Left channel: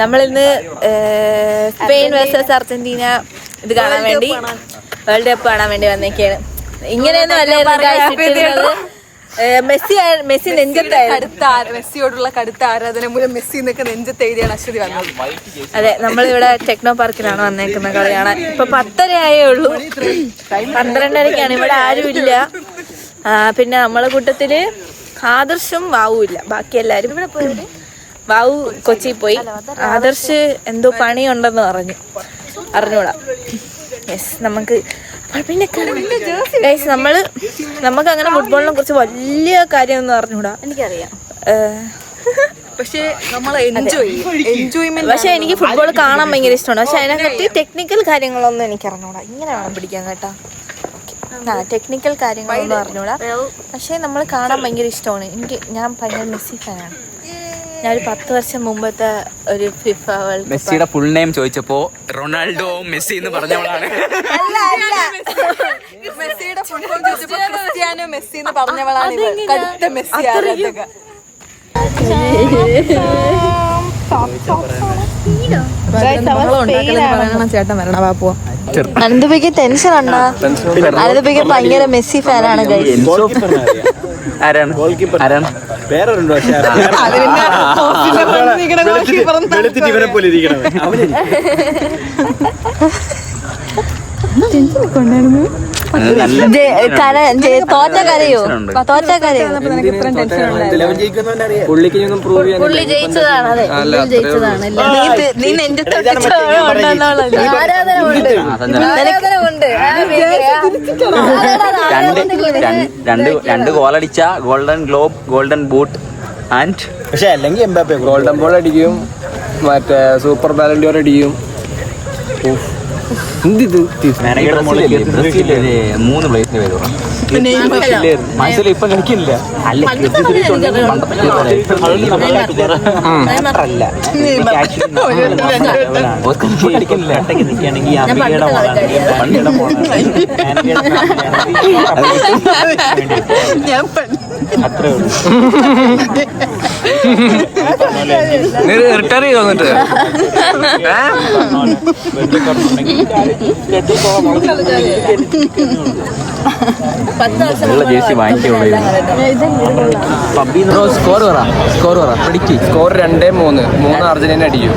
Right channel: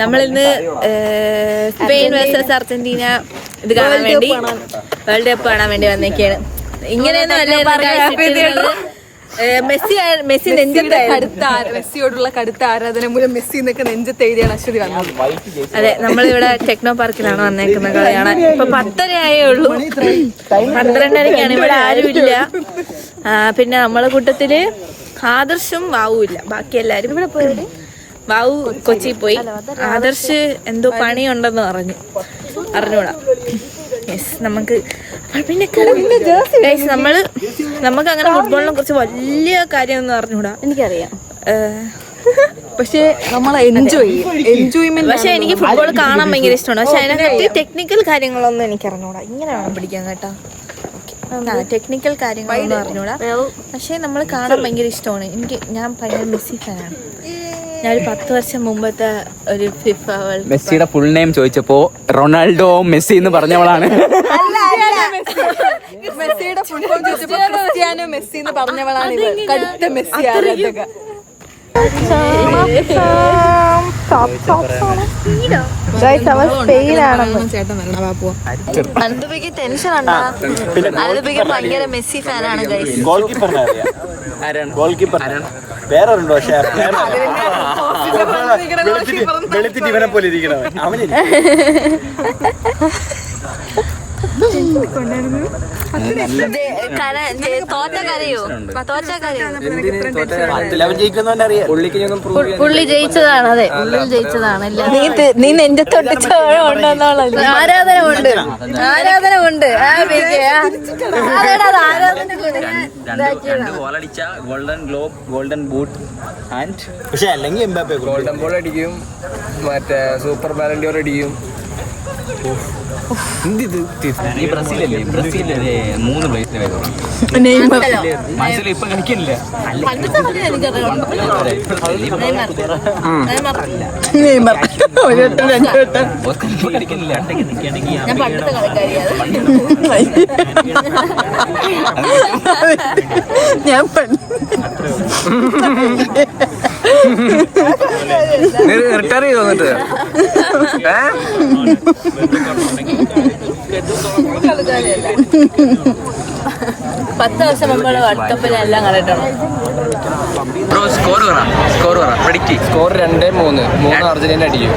നമ്മളിന്ന് Spain versus Argentina ഇത് കാണാൻ വേണ്ടി, വേൾഡ് കപ്പ് കാണാൻ വേണ്ടി വന്നേക്കാണ്. ഇങ്ങനെയൊന്നും മെസ്സി നെഞ്ചത്തായിരുന്നു. മെസ്സിയോടുള്ള കടുത്ത ആരാധന മൂലം മെസ്സി എന്നൊക്കെ നെഞ്ചത്ത് എഴുതിയാണ് അശ്വതി വന്നത്. അതെ, നമ്മളിവിടെ ടെക്നോ പാർക്കിലാണ് വന്നേക്കുന്ന കളി കാണാൻ. ഇപ്പൊ 10:30 ആയേ ഉള്ളൂ. 12:30-ക്കാണ്. ഇവിടെ ആരുമില്ല. പിന്നെ നമ്മളെ കൂട്ടത്തില് ആദർശും വാവും ഇല്ല. ബാക്കി എല്ലാരും ഇവിടെ പോയത്. വാവു കൊച്ചി പോയി. ആദർശ് എന്തോ പണിയുണ്ടെന്ന് അറിഞ്ഞൂടാ. യെസ്, നമുക്ക് പിന്നെ നമുക്ക് അങ്ങനെ ഫുട്ബോളിനെ കുറിച്ച് വലിയ കാര്യമൊന്നും അറിഞ്ഞൂടാ. എനിക്കറിയാം, പക്ഷെ പക്ഷെ എനിക്ക് ഫുട്ബോൾ കാണാൻ ഭയങ്കര ഇഷ്ടമാണ്. പക്ഷെ അതിനകത്ത് ടെക്നിക്കൽ കാര്യങ്ങളൊന്നും എനിക്ക് അറിഞ്ഞൂടാ. ഇങ്ങനെ വേണം പിടിക്കാൻ കേട്ടാ. ടെക്നിക്കൽ കാര്യങ്ങളൊന്നും അറിഞ്ഞൂടാ. പക്ഷെ നമ്മൾ കാണാൻ ഭയങ്കര ഇഷ്ടമാണ്. ഞാൻ ഭയങ്കര മെസ്സി ഫാനാണ്. ഞാനൊരു 10 വർഷം മുമ്പത്തെ ഒരു ഫിഫ വേൾഡ് കപ്പ്. മെസ്സിയുടെ ഫുൾ നെയിം ചോദിച്ചപ്പോ റൊണാൾഡോ മെസ്സി എന്ന് പറഞ്ഞവളാണ്. മെസ്സിയുടെ ഫുൾ നെയിം ചോദിച്ചപ്പോ ക്രിസ്ത്യാനോ മെസ്സി എന്ന് പറഞ്ഞവളാണ്. കടുത്ത മെസ്സി ആരാധക. ചേട്ടൻ വരണ വാപ്പോ. അനന്തപയ്ക്ക് ടെൻഷൻ ഉണ്ടോ? അനന്തപയ്ക്ക് ഭയങ്കര മെസ്സി ഫാനാണ്. വേറൊരുണ്ടോ? പക്ഷെ വെളുത്തിട്ട് ഇവനെ പോലെ ഇരിക്കണവൻ അവനെ. തോറ്റ കരയോ? പുള്ളിക്ക് ഞങ്ങൾ പ്രൂവ് ചെയ്യാൻ ജയിച്ചതാണ്. നീ എന്റെ രണ്ട് ഗോളടിച്ച golden globe, golden boot and പക്ഷെ അല്ലെങ്കിൽ എംബാപ്പെ ഗോൾഡൻ ബോൾ അടിക്കും, മറ്റേ സൂപ്പർ ബാലൻഡിയർ അടിക്കും. ബ്രസീലിലെ 3 പ്ലേസിന്റെ പേര് മനസ്സിൽ ഇപ്പൊ കളിക്കില്ല. റിട്ടയർ ചെയ്ത് വന്നിട്ട് സ്കോർ 2-3 അർജന്റീന അടിക്കും.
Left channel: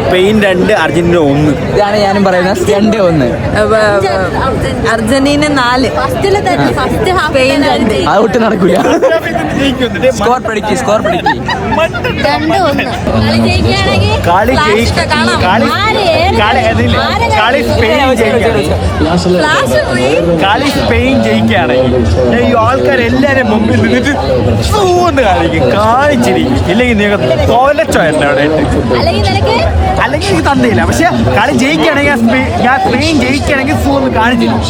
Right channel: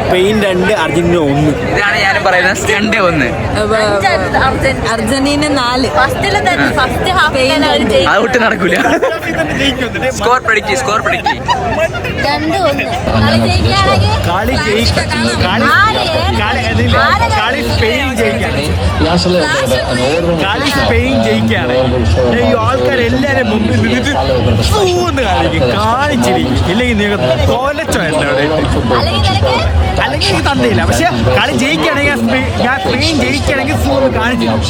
Spain 2 Argentina 1. ഇതാണ് ഞാനും പറയുന്നത്. 2-1 അർജന്റീന 4 സ്പെയിൻ 2. അതൊട്ട് നടക്കൂല. സ്കോർ പിടിക്കി 2-1. കളി സ്പെയിൻ ജയിക്കുകയാണെങ്കിൽ ഈ ആൾക്കാരെല്ലാരും മുമ്പിൽ നിന്നിട്ട് സൂന്ന് കാണിക്കും, കാണിച്ചിരിക്കും. ഇല്ലെങ്കിൽ നിങ്ങൾക്ക് തോലച്ചോയല്ല അവിടെ ഇട്ട്. അല്ലെങ്കിൽ എനിക്ക് തന്നില്ല. പക്ഷെ കളി ജയിക്കുകയാണെങ്കിൽ ഞാൻ സ്പെയിൻ ജയിക്കുകയാണെങ്കിൽ സൂന്ന് കാണിച്ചിരിക്കും.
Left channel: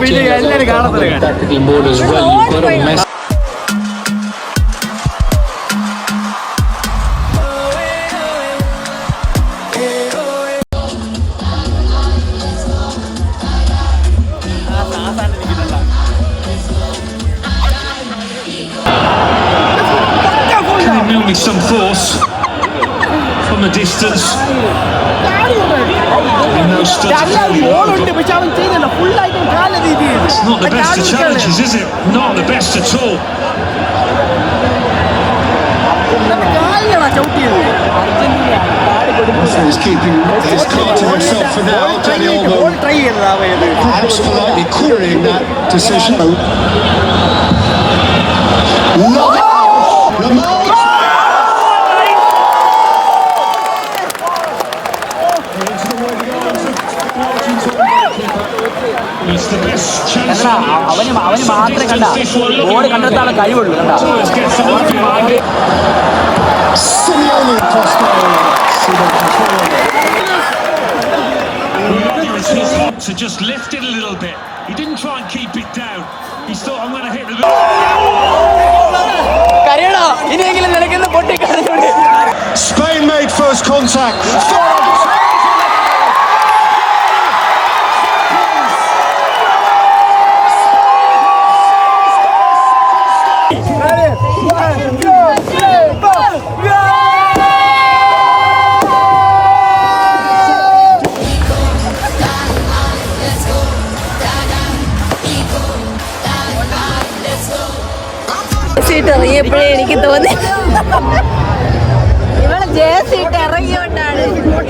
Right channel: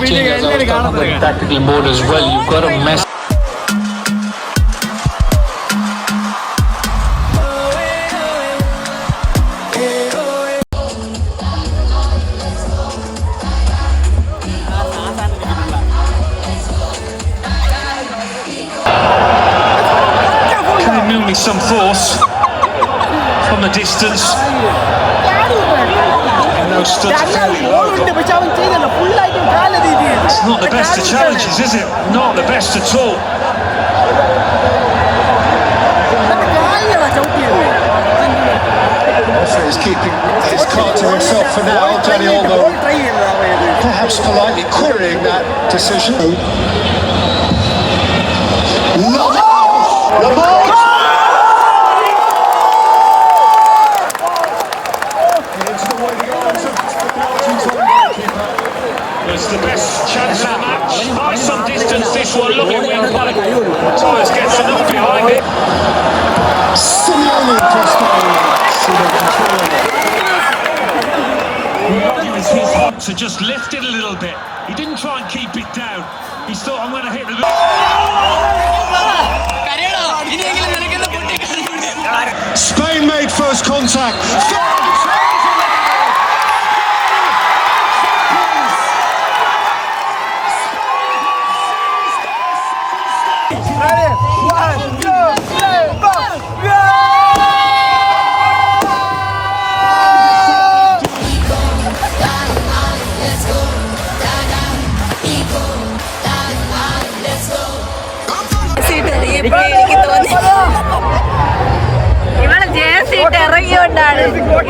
പിന്നെ എല്ലാവരും കാണത്തില്ല. Some force from a distance. ബോളുണ്ട്, പക്ഷെ അവൻ ചെയ്തില്ല. ഫുള്ളായിട്ട് കാല രീതിയിൽ Is it? Not the best at all. കാലിലാണ് ചവിട്ടിയത്. ബോൾ ട്രൈ ചെയ്തത് അവയത്. അവന് മാത്രമേ കണ്ട ബോൾ കണ്ടെത്താനുള്ള കഴിവുള്ളൂ. കണ്ട to just lift it a little bit. He didn't try and keep it down. He thought, I'm going to hit the... Spain made first contact.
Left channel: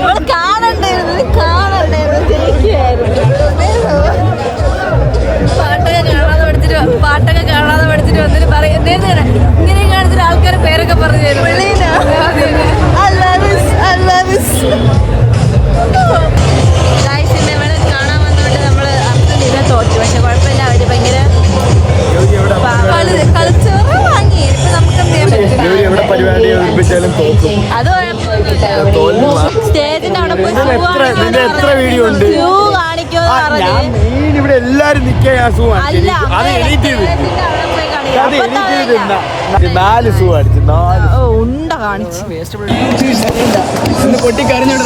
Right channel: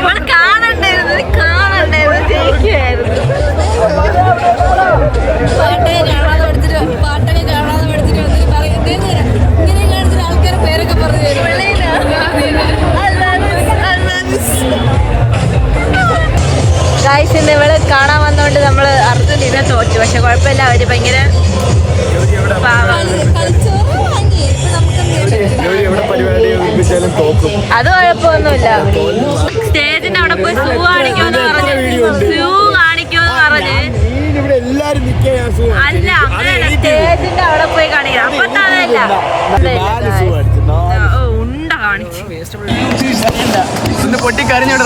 നമ്മള് കാണണ്ടായിരുന്നു ജയിക്കുവായിരുന്നു. പാട്ടൊക്കെ കാണാതെ പഠിച്ചിട്ട് വന്നിട്ട് പറയുന്നേ ഇങ്ങനെ കാണിച്ചിട്ട് ആൾക്കാരെ പേരൊക്കെ പറഞ്ഞു തരും. ഗായ്സ് ഇന്ന് ഇവിടെ കാണാൻ വന്നോണ്ട് നമ്മള് അർജന്റീന തോറ്റു. പക്ഷെ കുഴപ്പമില്ല, അവര് ഭയങ്കര കളിച്ചോറ് വാങ്ങി. ഇപ്പൊ നമുക്ക് അത് കുഴപ്പമൊന്നുമില്ല. സ്റ്റേജിന്റെ അവിടെ പോയി ഷൂ കാണിക്കുമെന്ന് പറഞ്ഞ് ഇവിടെ എല്ലാരും അല്ല സ്റ്റേജിന്റെ അവിടെ പോയി കാണിക്കാം. നാല് ഷൂ അടിച്ചു ഉണ്ട കാണിച്ചു. പൊട്ടിക്കറിഞ്ഞോട്ട്